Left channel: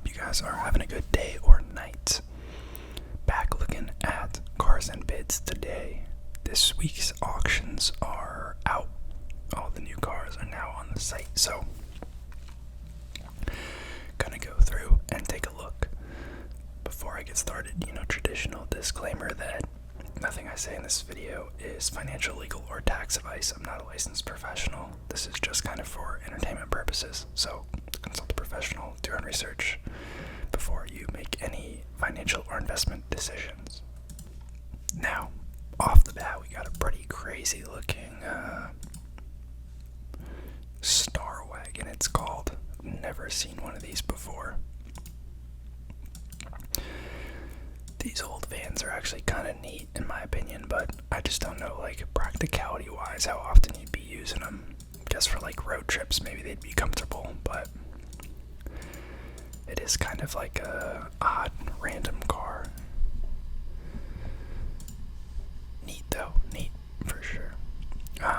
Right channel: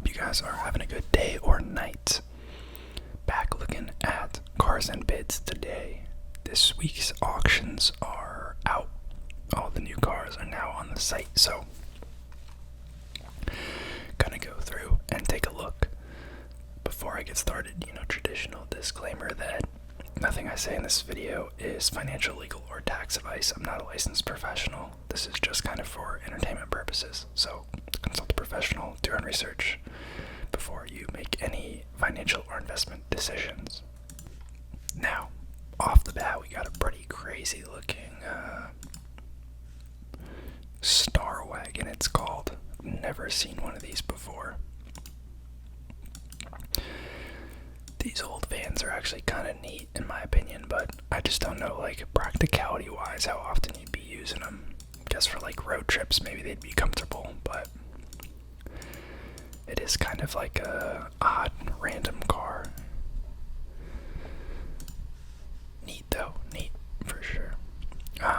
Hope you guys are having a good day or night. Back looking at cars and bids today. This week's auctions are out. All the new cars are now on the site, so gonna go through and take a look. Before I get started, traditional disclaimer that nothing I say in this video is financial, legal, or tax advice. I'm not a licensed professional. This is just kind of for entertainment purposes. So consult a professional, do your own research before you make any financial or investment decisions. Now, off the bat, we got a pretty crazy looking Star Wagon, it's called. Never seen one of these before. These old vans are actually kind of neat in my opinion, but I just don't know, practicality wise, how often you'd be using them. Guess for road trips maybe they'd be comfortable, but it is kind of like a odd random car. Neat though, neat for sure.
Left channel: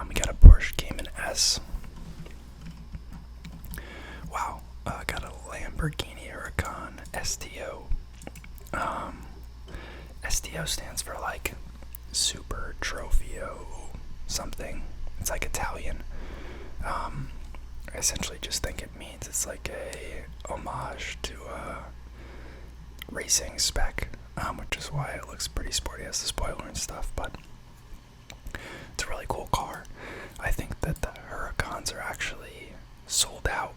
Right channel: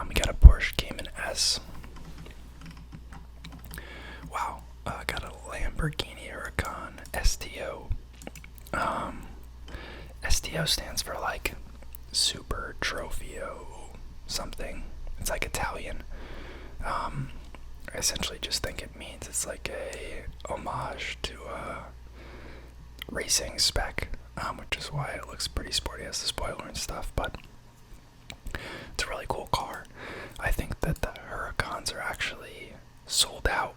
We got a Porsche Cayman S. Wow, got a Lamborghini Huracan STO. STO stands for Super Trofeo something. It's Italian. I essentially just think it means it's a homage to racing spec, which is why it looks pretty sporty. It has the spoiler and stuff, but it's a really cool car. I think that the Huracans are actually sold out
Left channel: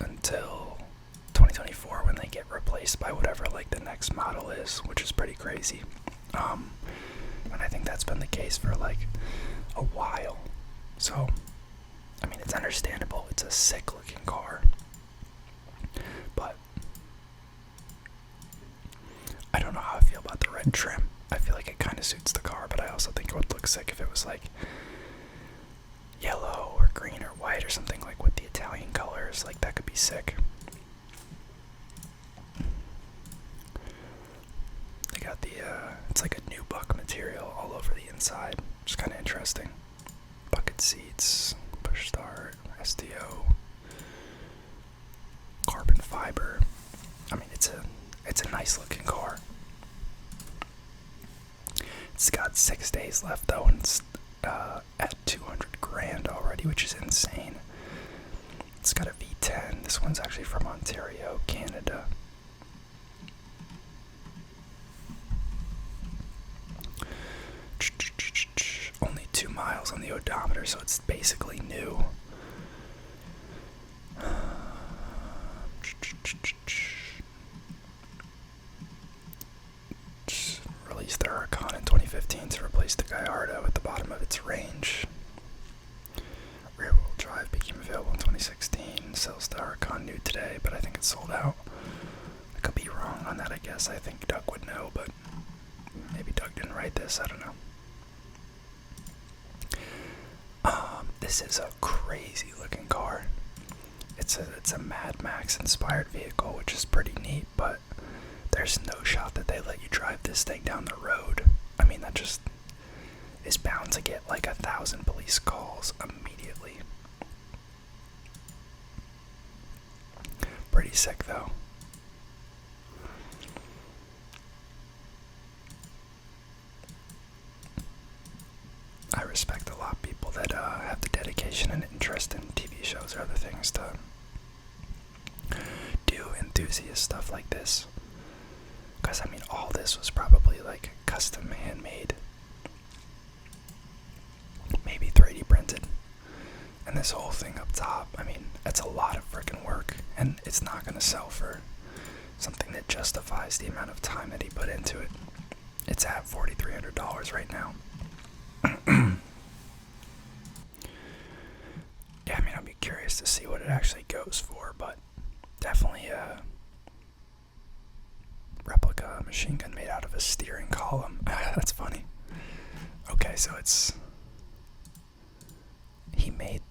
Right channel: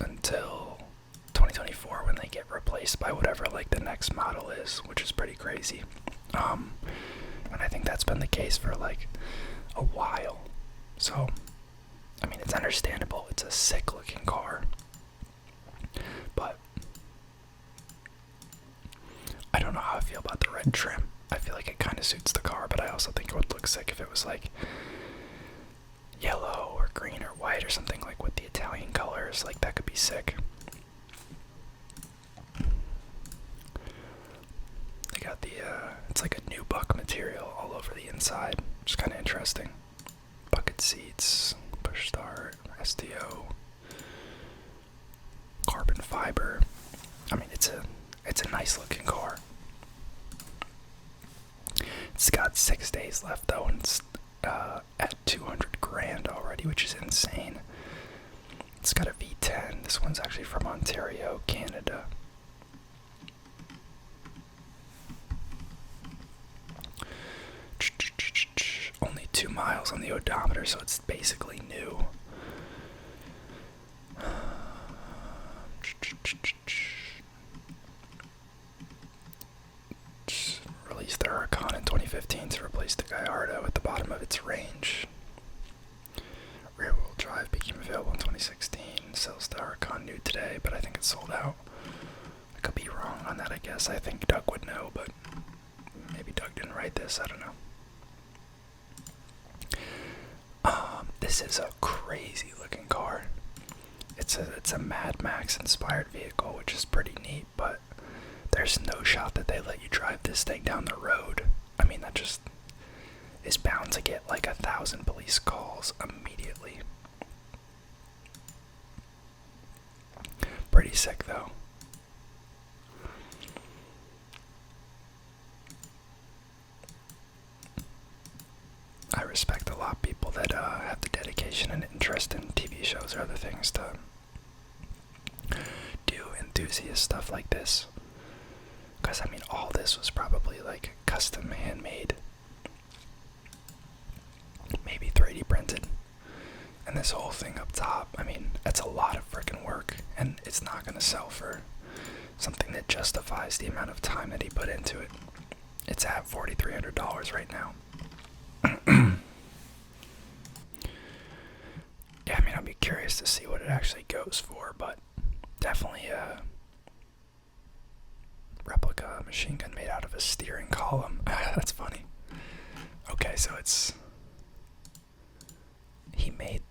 until 2024 when they get replaced by whatever the next model is, which is pretty crazy. And I think that's been the case for a while. So, I mean, it's understandable. It's a sick looking car. But I don't know how I feel about the red trim. I feel like it kind of suits the car, but I also think it would look sick if it was yellow or green or white or something with the Italian colors. That could be sick. They got the, it's a nubuck material all over the inside, which is kind of interesting. Bucket seats, push start, STO, carbon fiber. I mean, it's a nice looking car. It's got 6 days left though, and it's at $200,000 already, which is insane. It's got a V10. This one's actually from Ontario, Canada. Only 2 miles on the odometer, so it's basically new. Released the Huracan in 2015 to replace the Gallardo at the bottom of its range. Rear-wheel drive became available in 2016. Sells the Huracan new today, but I think it's sold out. I could be wrong on that, I guess. I think Doug would know, but maybe Doug didn't write this. I don't know. This is a crazy looking car. It's a Mad Max inspired vehicle, which is pretty neat, but there's no shot that they let you drive this thing down the road. I mean, that just is bound to get 1,000 police calls immediately. Pretty sick though. I respect a lot of people that have the dedication and interest in TV shows or other things to do enthusiast stuff like this. Because, I mean, all this was probably custom handmade. Maybe 3D printed. And this whole thing up top, I mean, that's a lot of freaking work. And it's not going to sell for something that justifies the amount of time that he put into it. It's at $4,300 right now. Yeah, I mean, I'll be curious to see what it actually goes for, but definitely a replica machine gun made out of a steering column. That's funny. Okay, so he made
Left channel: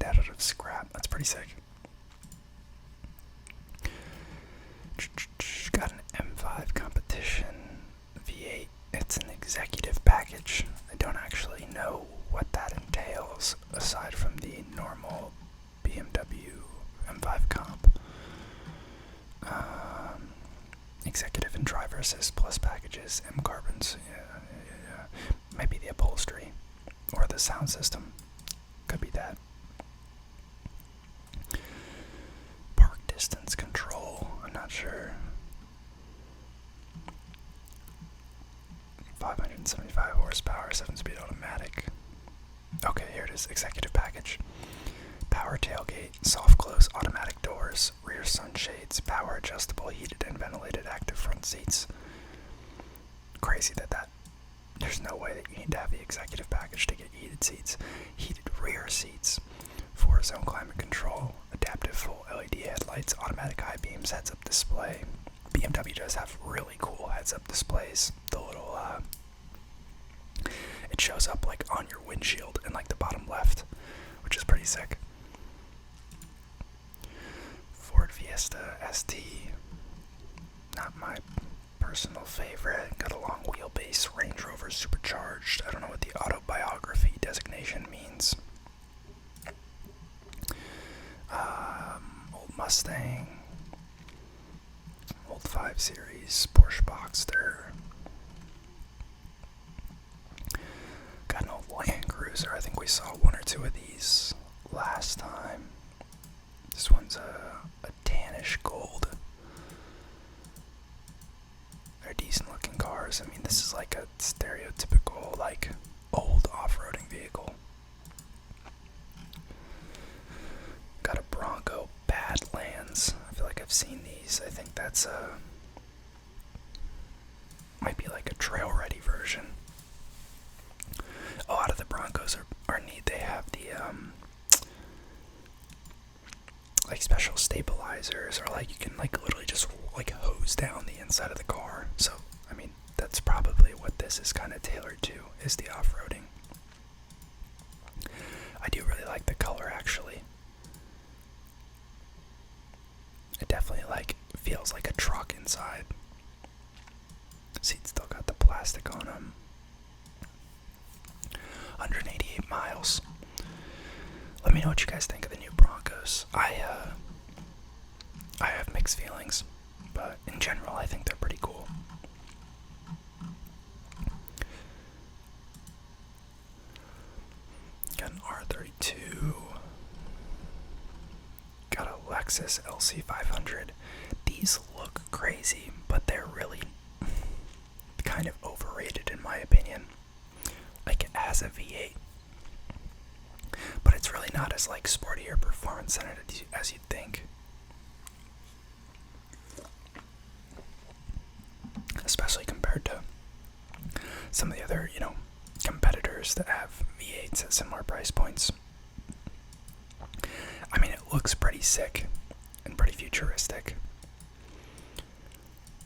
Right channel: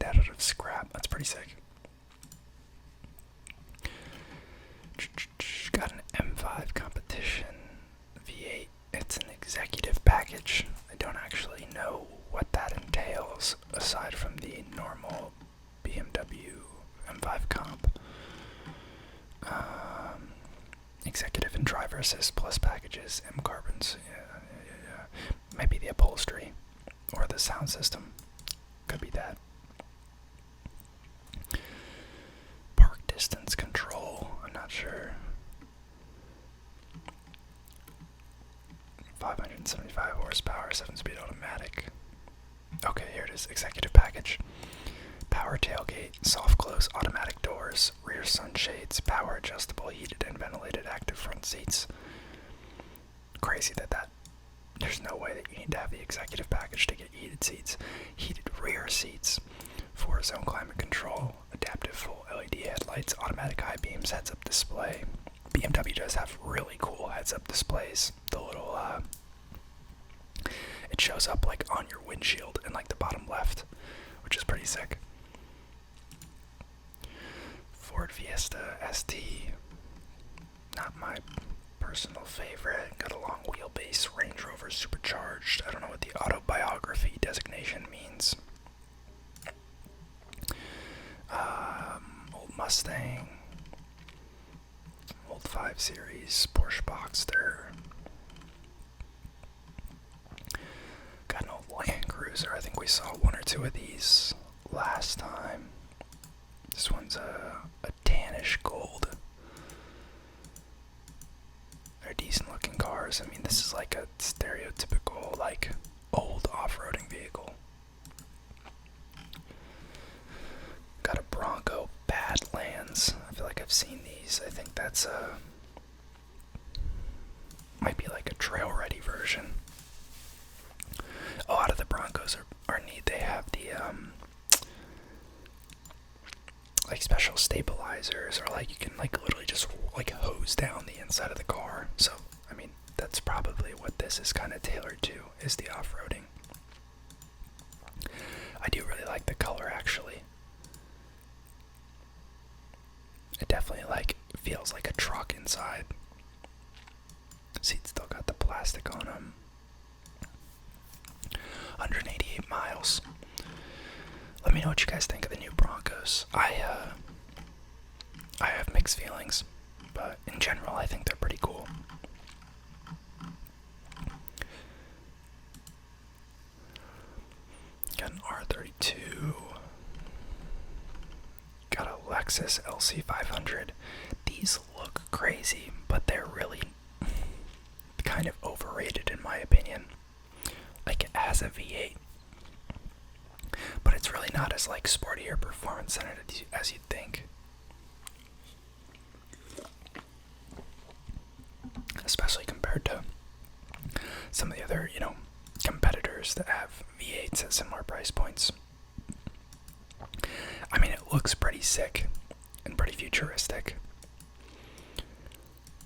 that out of scrap. That's pretty sick. Got an M5 competition V8. It's an executive package. I don't actually know what that entails aside from the normal BMW M5 comp. Executive and driver assist plus packages, M carbons. Yeah. Maybe the upholstery or the sound system. Could be that. Park distance control. I'm not sure. 575 horsepower, 7-speed automatic. Okay, here it is. Executive package. Power tailgate, soft close automatic doors, rear sunshades, power adjustable heated and ventilated active front seats. Crazy that there's no way that you need to have the executive package to get heated seats. Heated rear seats, 4-zone climate control, adaptive full LED headlights, automatic high beams, heads-up display. BMW does have really cool heads-up displays. The little it shows up like on your windshield in like the bottom left, which is pretty sick. Ford Fiesta ST, not my personal favorite. Got a long wheelbase, Range Rover supercharged. I don't know what the autobiography designation means. Old Mustang, old 5 Series, Porsche Boxster. Got an old Land Cruiser. I think we saw one or two of these last time. This one's a tannish gold. They're decent looking cars. I mean, this is like a stereotypical, like, old off-roading vehicle. Got a Bronco Badlands. I feel like I've seen these. I think that's might be like a trail-ready version. A lot of the Broncos are neat. They have the like special stabilizers, or like you can like literally just like hose down the inside of the car. So I mean, that's probably what this is kind of tailored to, is the off-roading. I do really like the color, actually. It definitely like feels like a truck inside. Seats still got the plastic on them. 188 miles. Let me know what you guys think of the new Broncos. I have mixed feelings, but in general, I think they're pretty cool. Got an R32. Got a Lexus LC500. These look crazy, but they're really kind of overrated in my opinion. Like, it has a V8, but it's really not as like sporty or performance centered as you'd think. Especially compared to some of the other, competitors that have V8s at similar price points. I mean, it looks pretty sick and pretty futuristic,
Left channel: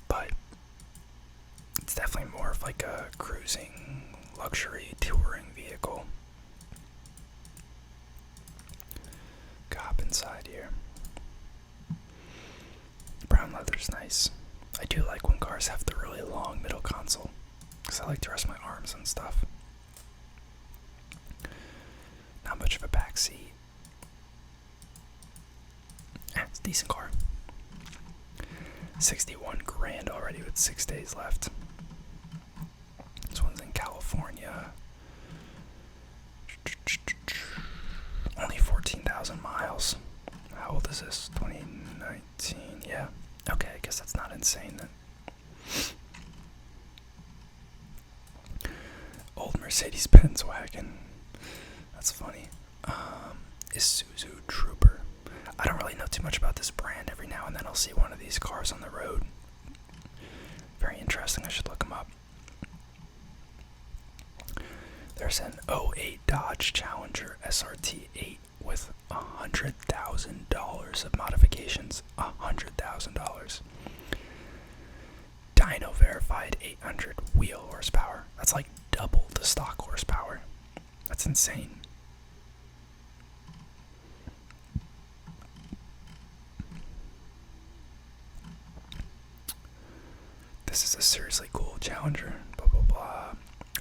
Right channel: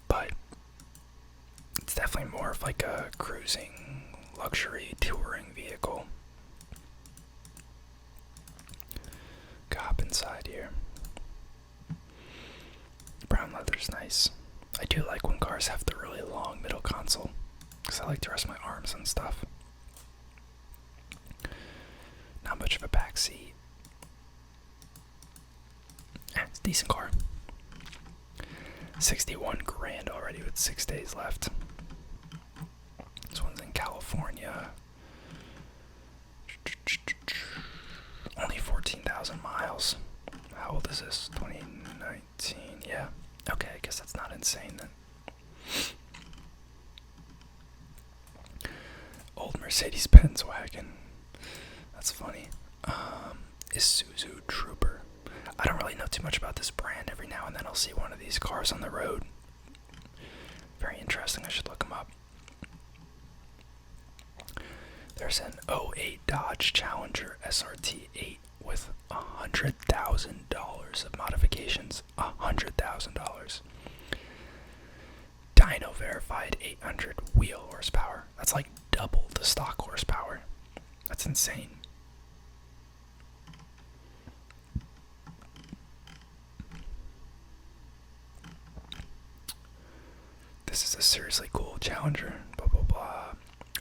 but it's definitely more of like a cruising, luxury, touring vehicle. Hop inside here. Brown leather's nice. I do like when cars have the really long middle console, because I like to rest my arms and stuff. Not much of a back seat. It's a decent car. 61 grand already with 6 days left. This one's in California. Only 14,000 miles. How old is this? 2019. Yeah. Okay, I guess that's not insane then. Old Mercedes-Benz wagon. That's funny. Isuzu Trooper. I don't really know too much about this brand. Every now and then I'll see one of these cars on the road. Very interesting. I should look them up. There's an '08 Dodge Challenger SRT 8 with $100,000 of modifications. $100,000. Dyno verified 800 wheel horsepower. That's like double the stock horsepower. That's insane. This is a seriously cool Challenger. Blah blah blah.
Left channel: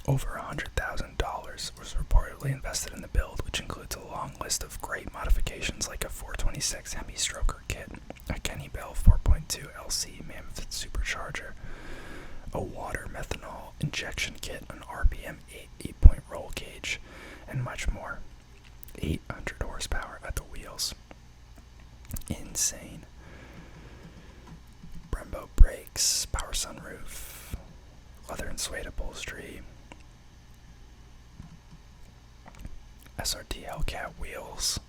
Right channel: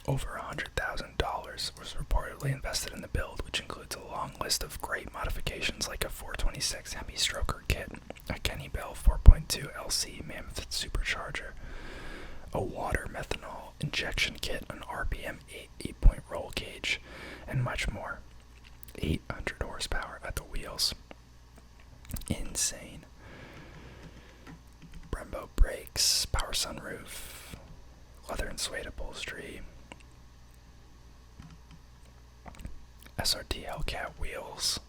Over $100,000 was reportedly invested in the build, which includes a long list of great modifications like a 426 Hemi Stroker kit, a Kenny Bell 4.0 3.2 LC Mammoth supercharger, a water methanol injection kit, an RPM 8-point roll cage, and much more. 800 horsepower at the wheels. Insane. Brembo brakes, power sunroof, leather and suede upholstery, SRT Hellcat wheels.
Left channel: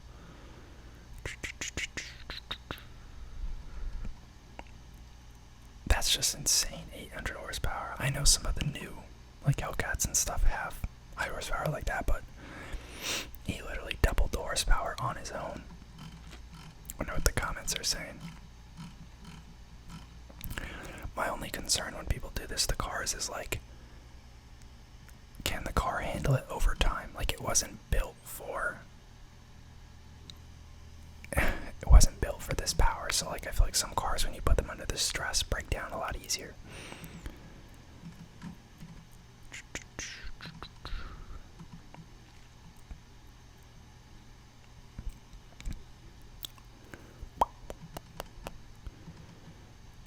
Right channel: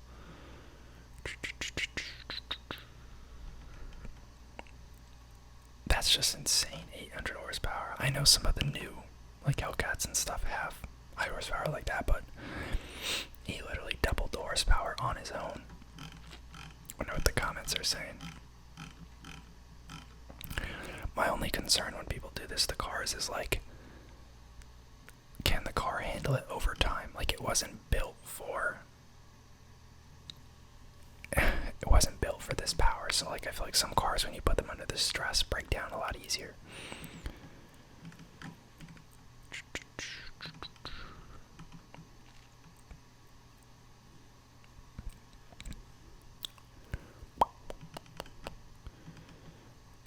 That's just insane. 800 horsepower. I know some of the new, like Hellcats and stuff, have high horsepower like that, but he literally doubled the horsepower on his own. Wonder what the comments are saying. My only concern when people do this to cars is like, can the car handle it over time? Like, it wasn't built for this power, so like I feel like some cars, when you put them under the stress, break down a lot easier.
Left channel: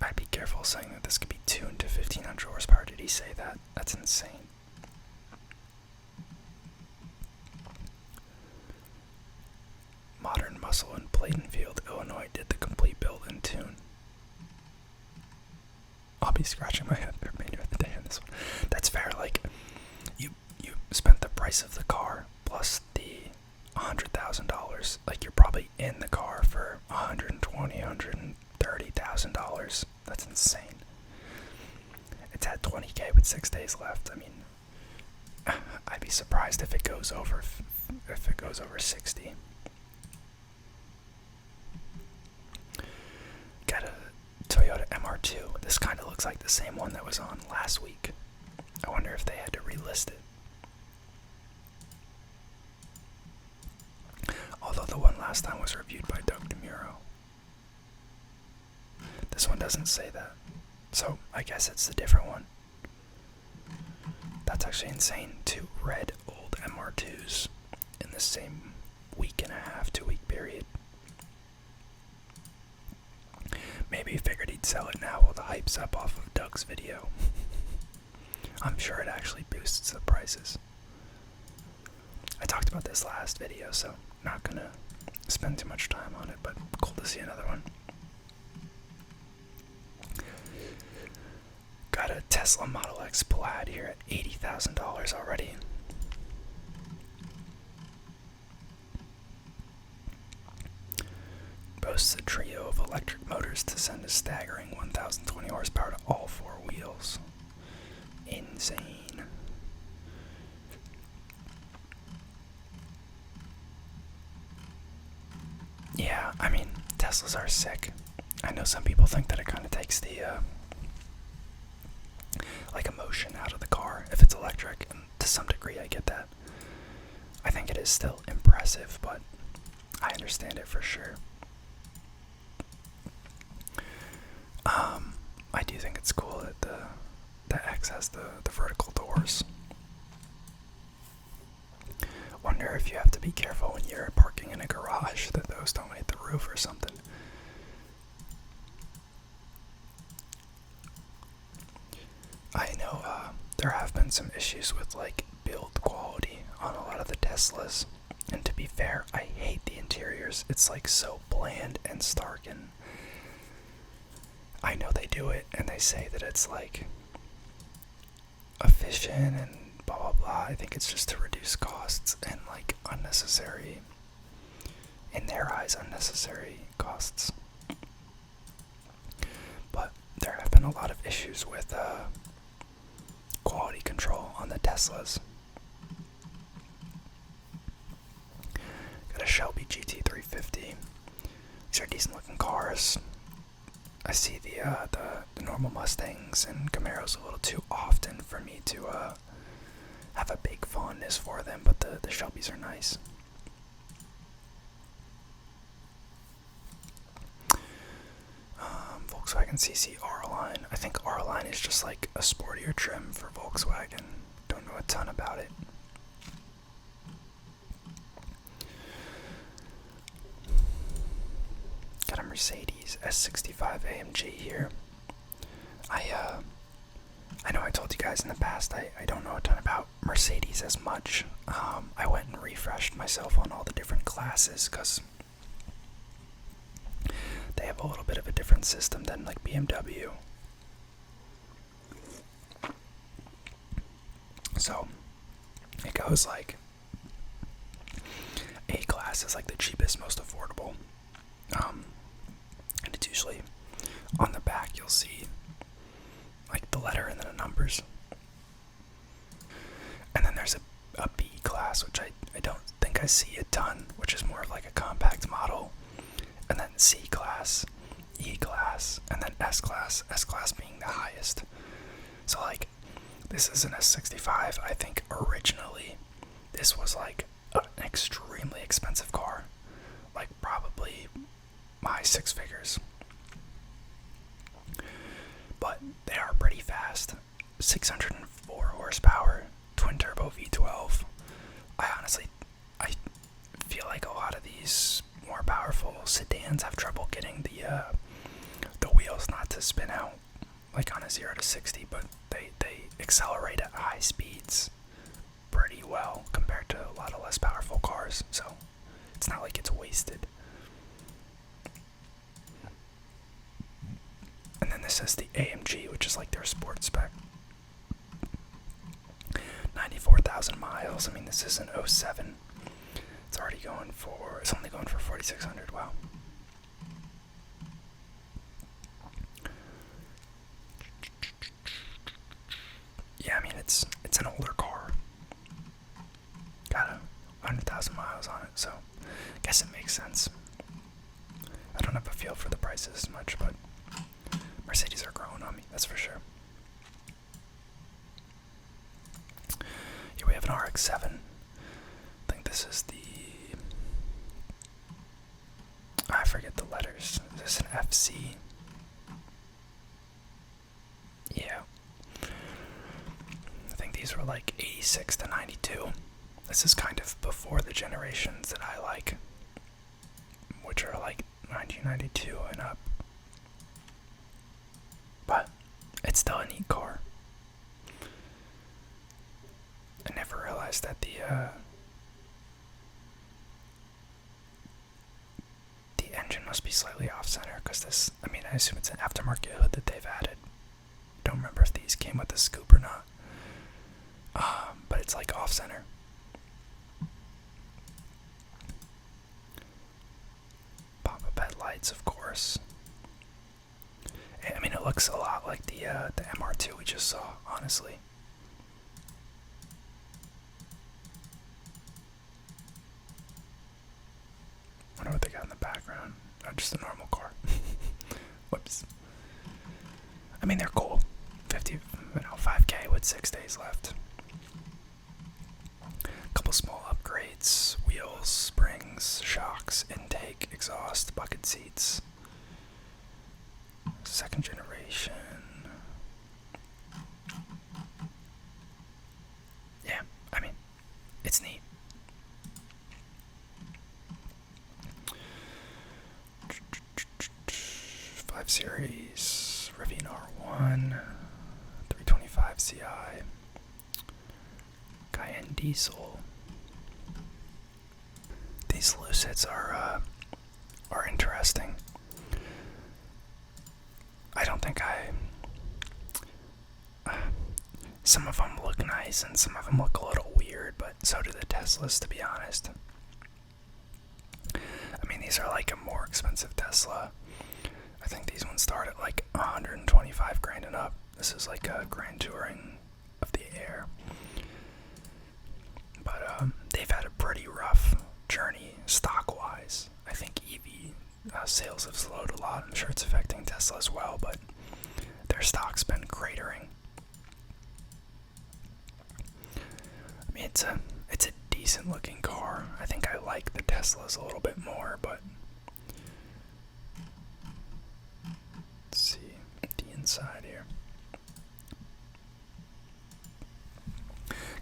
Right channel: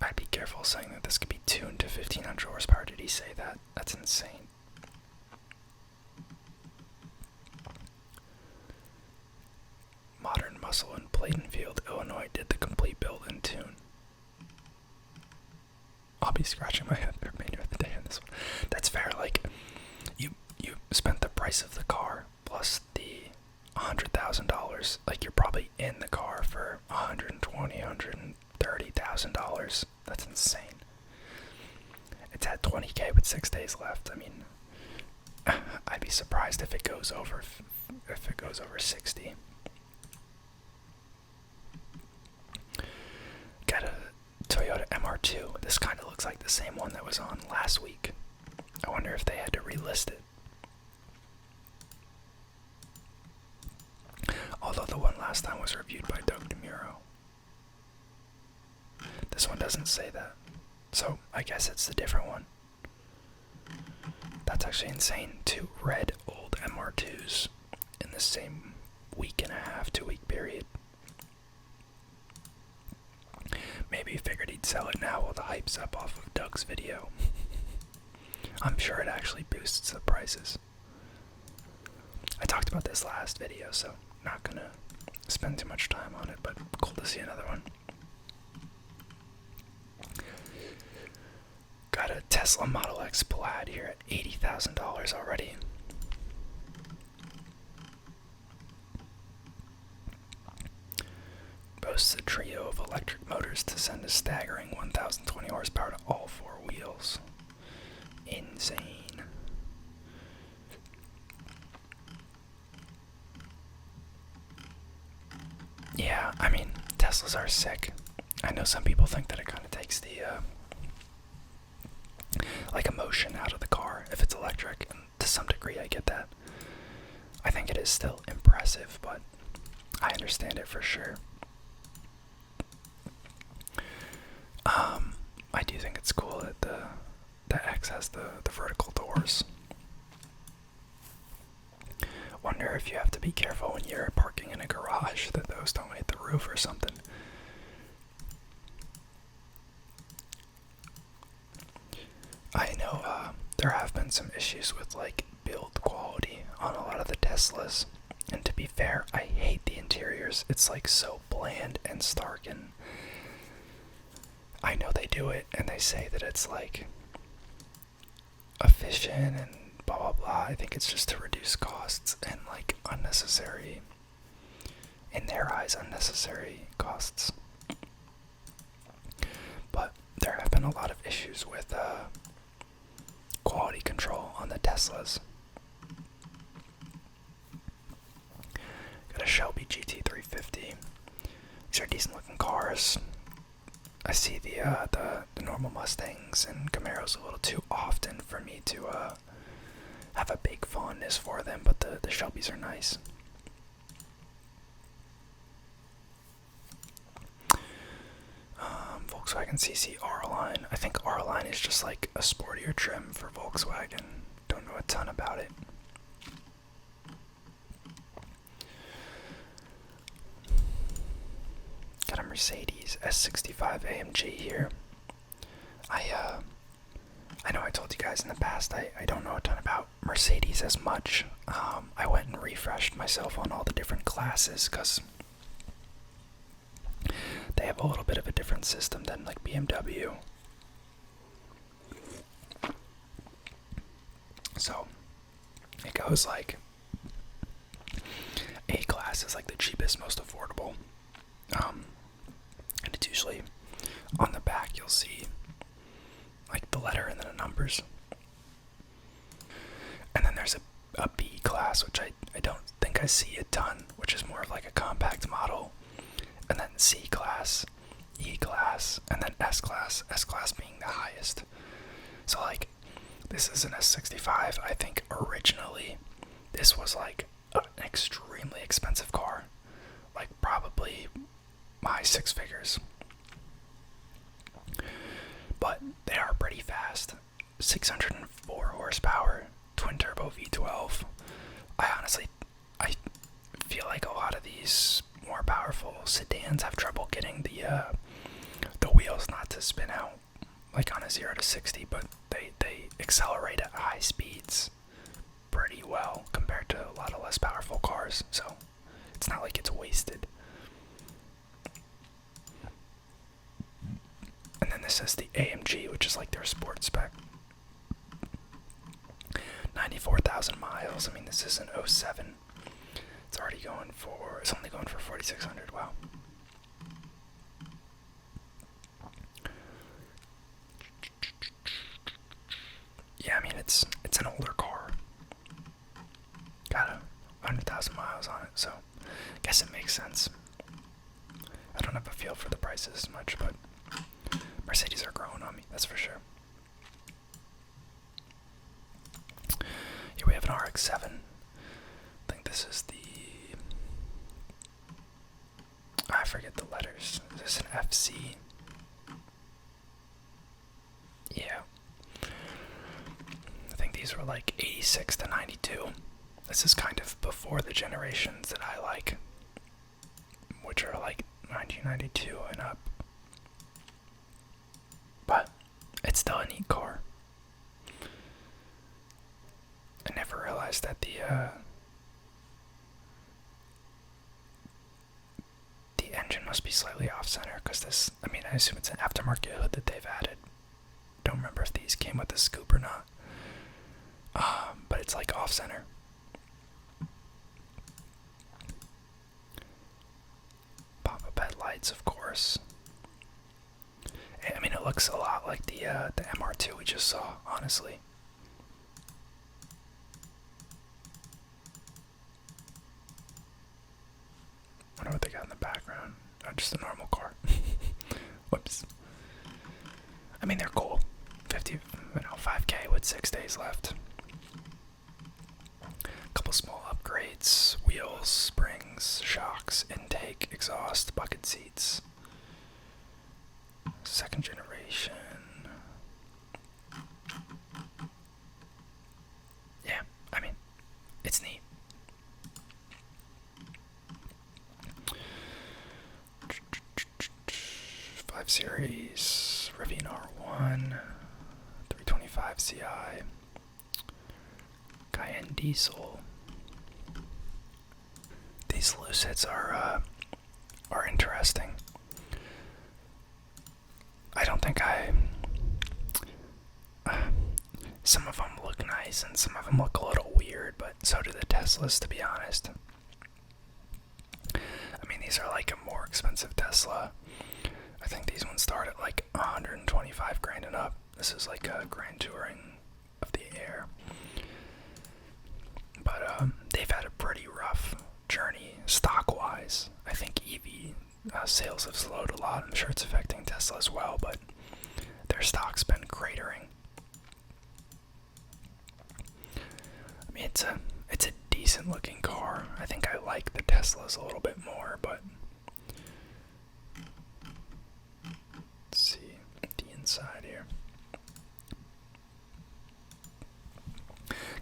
I'd be careful saying that this could be tuned to 1500 horsepower. Did he say that? That's insane. Modern Muscle in Plainfield, Illinois did the complete build and tune. I'll be scratching my head the remainder of the day on this one. That's fair. Like, you spent the price of the car plus the $100,000. Like, you're probably in the car for $120,000, $130,000. That's insane. It's at $20K with 6 days left. I mean, I'd be surprised if it goes over 60. Got a Toyota MR2. This kind of looks like the same one that was on last week. I wonder if they had to relist it. Although the one last time was reviewed by Doug DeMuro. This one doesn't say that. So I guess it's the different one. That's actually insane. 2 red old MR2s in the same week and a half, 2-week period. Maybe he figured he'd sell it now while the hype's up off of Doug's video. I'm sure it actually boosts the prices. I talked about this last video, so not gonna spend too much time on it, but cool to see another one. Got a Tesla Model X Plaid here at $80,000 already. Boasts a trio of electric motors to send a staggering 1,020 horsepower to all 4 wheels. Insane. Yeah, I mean, Teslas are sick. I know some people think that it kind of takes the like emotion out of the car if it's electric, and to some degree I get that. I think it is still impressive, but I understand it for sure. I do think it's cool that the X has the vertical doors. Wonder if you have to be careful when you're parking in a garage that those don't hit the roof or something. I know there have been some issues with like build quality on a lot of the Teslas, and to be fair, I hate the interiors. It's like so bland and stark, and I know they do it and they say that it's like efficient and blah blah blah. I think it's just to reduce costs and like unnecessary, in their eyes, unnecessary costs. But there have been a lot of issues with quality control on the Teslas. Got a Shelby GT350. These are decent looking cars. I see the normal Mustangs and Camaros a little too often for me to have a big fondness for them, but the Shelbys are nice. Volkswagen CC R-Line. I think R-Line is just like a sportier trim for Volkswagen. Don't know a ton about it. Got a Mercedes S65 AMG here. I know I told you guys in the past I don't know a ton about Mercedes as much. I went and refreshed myself on all the different classes because they have a little bit of a different system than like BMW. So it goes like A class is like the cheapest, most affordable. And it's usually on the back you'll see like the letter and then the numbers. And then there's a B class, which I don't think I see a ton, which is more of like a compact model. And then C class, E class, and then S class being the highest. So like, this is an S65. I think originally this was like an extremely expensive car. Like probably high six figures. But they are pretty fast. 604 horsepower, twin turbo V12. I feel like a lot of these more powerful sedans have trouble getting the wheels not to spin out like on a 0 to 60, but they accelerate at high speeds pretty well compared to a lot of less powerful cars, so it's not like it's wasted. And then this is the AMG, which is like their sports spec. 94,000 miles. I mean, this is an 07. It's only going for 4,600. Wow. Yeah, I mean, it's an older car. Got 100,000 miles on it, so I guess it makes sense. I don't have a feel for the prices as much, but Mercedes are growing on me, that's for sure. Here we have an RX-7. I think this is I forget the letters. Is this an FC? Yeah. I think these were like 86 to 92. This is kind of before the generations that I like, which are like 1992 and up. But it's still a neat car. I never realized that the engine must be slightly off-center, because this, I mean, I assume it's an aftermarket hood that they've added. Don't remember if these came with the scoop or not. But it's like off-center. Pop-up headlights, of course. I mean, it looks a lot like the MR2 we just saw, honestly. I wonder what they got in the background. Oh, just a normal car. Whoops. I mean, they're cool. 5K with 6 days left. Couple small upgrades: wheels, springs, shocks, intake, exhaust, bucket seats. Second generation. Yeah, I mean, it's neat. Series, Rivian R1, 325 Ci, Cayenne Diesel. These Lucids are interesting. I don't think some of them look nice and some of them look a little weird, but so do the Teslas, to be honest. I mean, these are like a more expensive Tesla. I think these ones start at like 125 grand and up. This is like a Grand Touring of the Air. But they've had a pretty rough journey stock-wise. I think EV sales have slowed a lot. I'm sure it's affecting Tesla as well, but their stock's been cratering. I mean, it's a decent-looking car. I think I like the Teslas a little bit more, but let's see the inside here.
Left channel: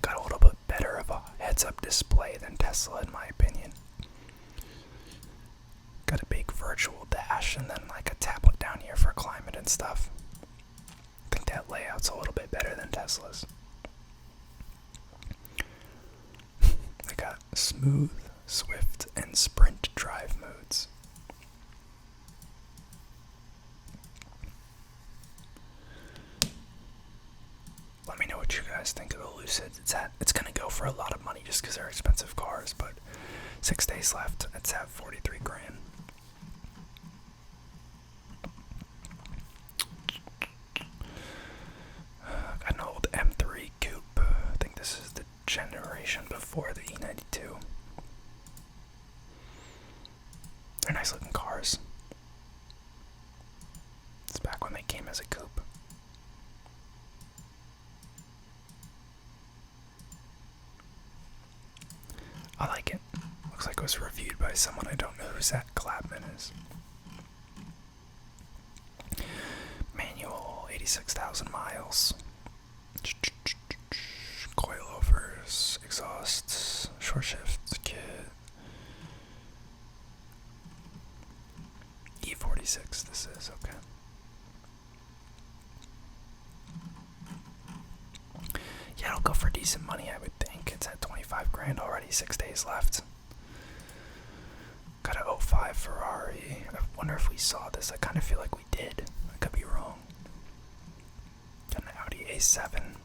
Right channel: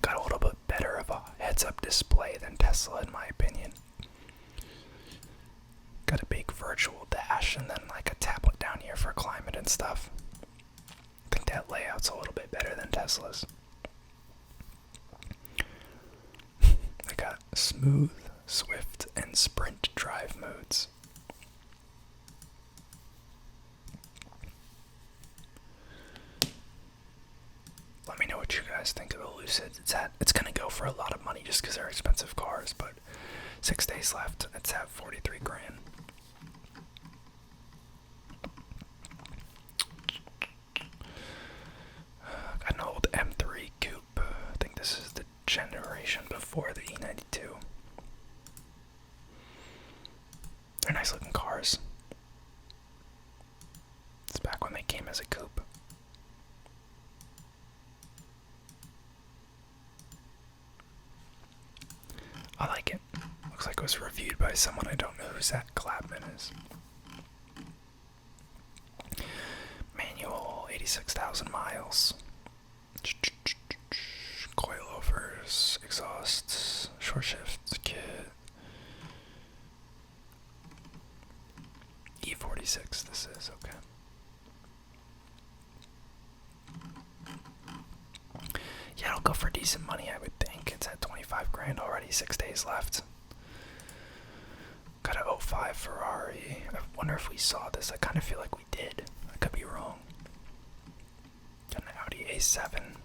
Got a little bit better of a heads-up display than Tesla, in my opinion. Got a big virtual dash and then like a tablet down here for climate and stuff. I think that layout's a little bit better than Tesla's. They got smooth, swift, and sprint drive modes. Let me know what you guys think of the Lucid. It's gonna go for a lot of money just because they're expensive cars, but 6 days left. It's at 43 grand. Got an old M3 coupe. I think this is the generation before the E92. They're nice looking cars. It's back when they came as a coupe. I like it. Looks like it was reviewed by someone. I don't know who Zach Clapman is. Manual, 86,000 miles. Coilovers, exhausts, short shifts, kit. E46 this is, okay. Yeah, it'll go for decent money, I would think. It's at 25 grand already, 6 days left. Got a 05 Ferrari. I wonder if we saw this. I kind of feel like we did. I could be wrong. Got an Audi A7.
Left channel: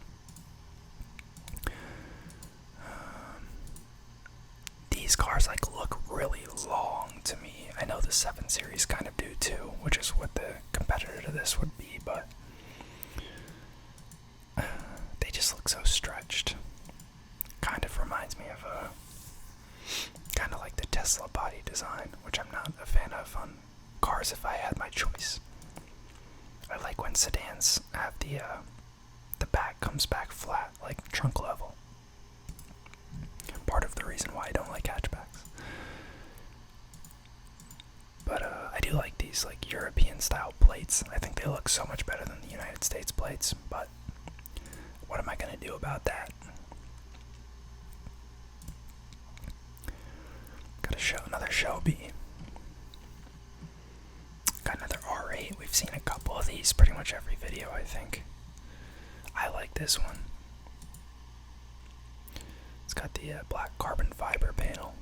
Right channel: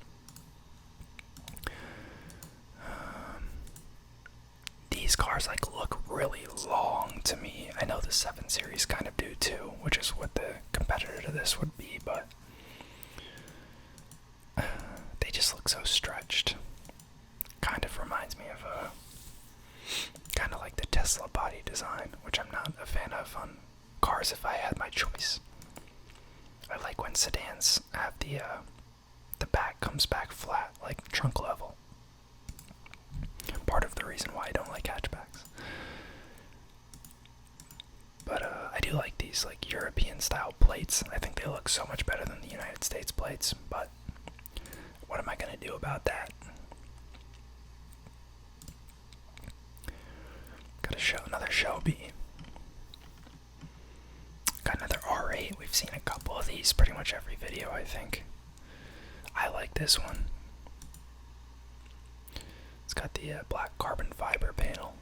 These cars like look really long to me. I know the 7 Series kind of do too, which is what the competitor to this would be, but they just look so stretched. Kind of reminds me of kind of like the Tesla body design, which I'm not a fan of on cars if I had my choice. I like when sedans have the back comes back flat, like trunk level. Part of the reason why I don't like hatchbacks. But I do like these like European style plates. I think they look so much better than the United States plates, but what am I going to do about that? Got another Shelby. Got another R8. We've seen a couple of these pretty much every video, I think. I like this one. It's got the black carbon fiber panel.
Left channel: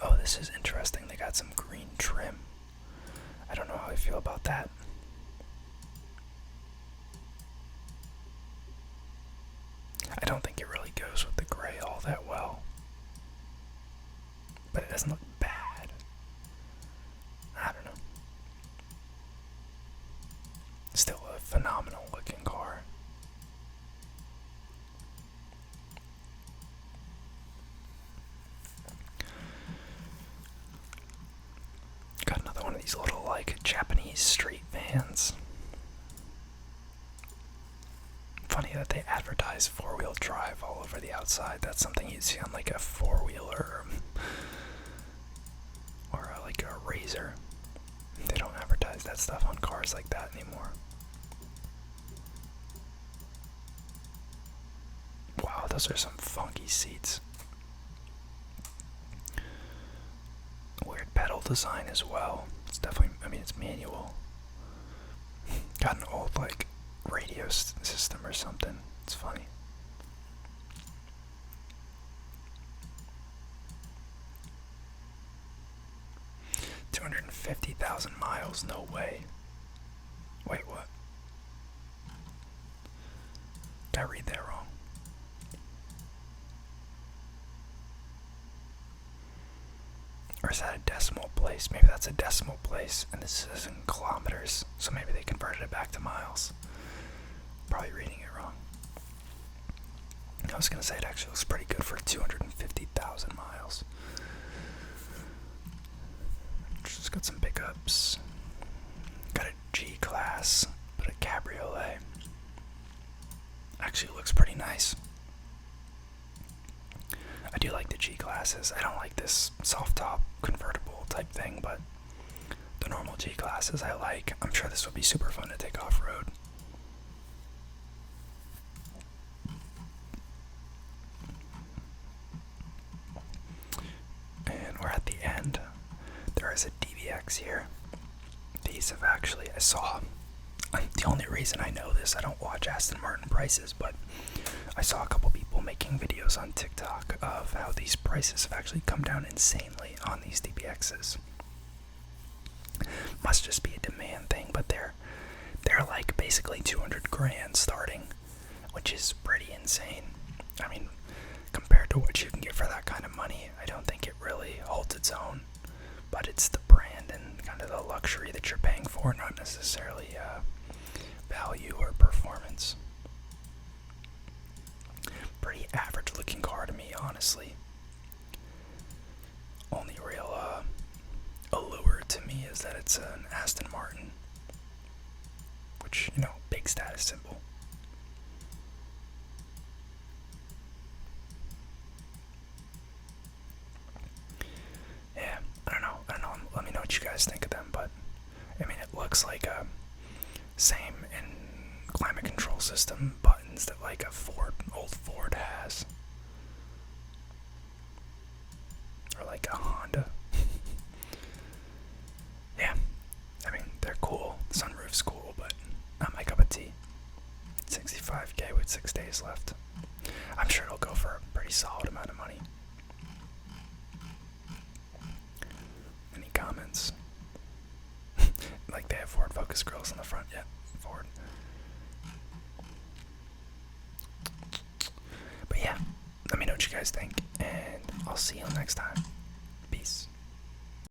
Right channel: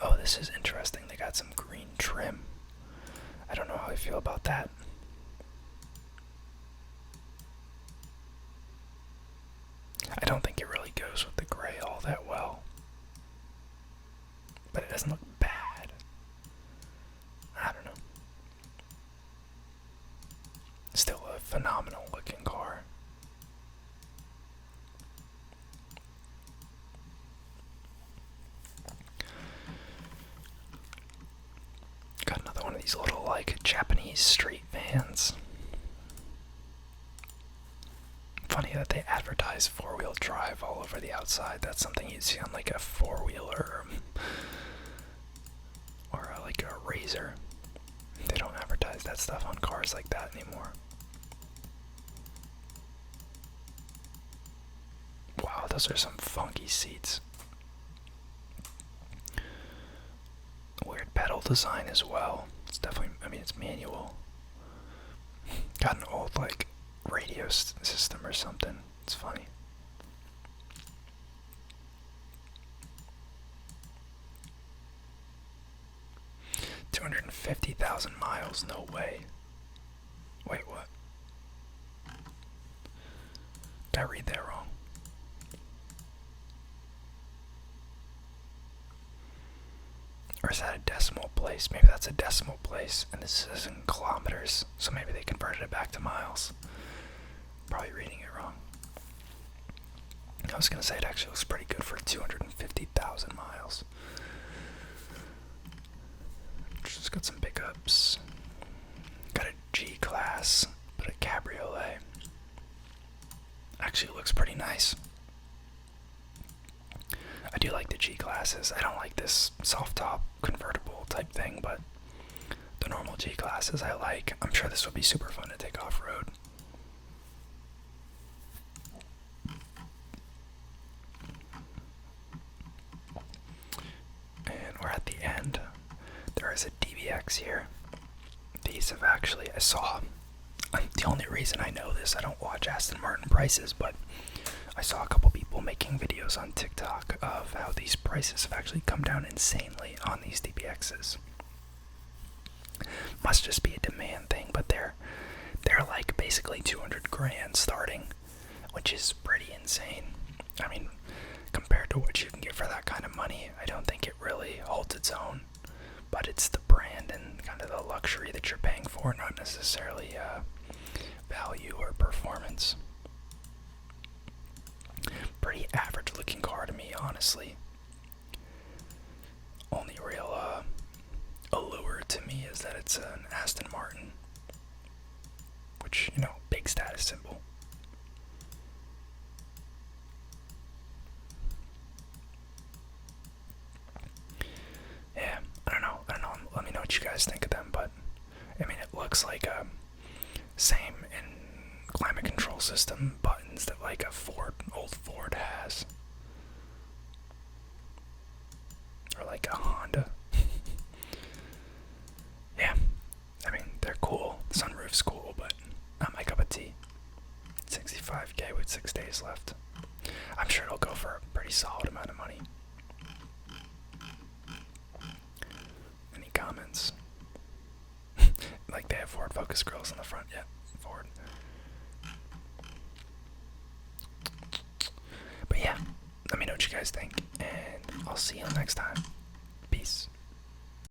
Oh, this is interesting. They got some green trim. I don't know how I feel about that. I don't think it really goes with the gray all that well. But it doesn't look bad. I don't know. Still a phenomenal looking car. Got another one of these little like Japanese street vans. Funny that they advertise 4-wheel drive all over the outside. That's something you'd see on like a 4-wheeler or like a Razor. They don't advertise that stuff on cars like that anymore. Wow, those are some funky seats. Weird pedal design as well. It's definitely, I mean, it's manual. Got an old like radio system or something. It's funny. $250,000 miles, no way. Wait, what? Did I read that wrong? Or is that a decimal place? Maybe that's a decimal place, and this is in kilometers, so maybe they converted it back to miles. Probably reading it wrong. I was gonna say it actually looks pretty good for 250,000 miles. Just got some pickups. Got a G-Class, but a cabriolet. Actually looks pretty nice. I do like the G-Classes. I don't like this soft top convertible type thing, but the normal G-Classes I like. I'm sure this would be super fun to take off-road. And DBX here. These have actually, I saw, the only reason I know this, I don't watch Aston Martin prices, but I saw a couple people making videos on TikTok of how these prices have actually come down insanely on these DBXs. Must just be a demand thing, but they're like basically 200 grand starting, which is pretty insane. I mean, compared to what you can get for that kind of money, I don't think it really holds its own. But it's the brand and kind of the luxury that you're paying for, not necessarily value or performance. Pretty average looking car to me, honestly. Only real allure to me is that it's an Aston Martin, which, you know, big status symbol. Yeah, I don't know. Let me know what you guys think of them, but I mean, it looks like a same in climate control system buttons that like a old Ford has, or like a Honda. Yeah, I mean, they're cool. The sunroof's cool, but not my cup of tea. 65K with 6 days left. I'm sure it'll go for a pretty solid amount of money. Any comments? Like they have Ford Focus grills in the front. Yeah, Ford. But yeah, let me know what you guys think, and I'll see you next time. Peace.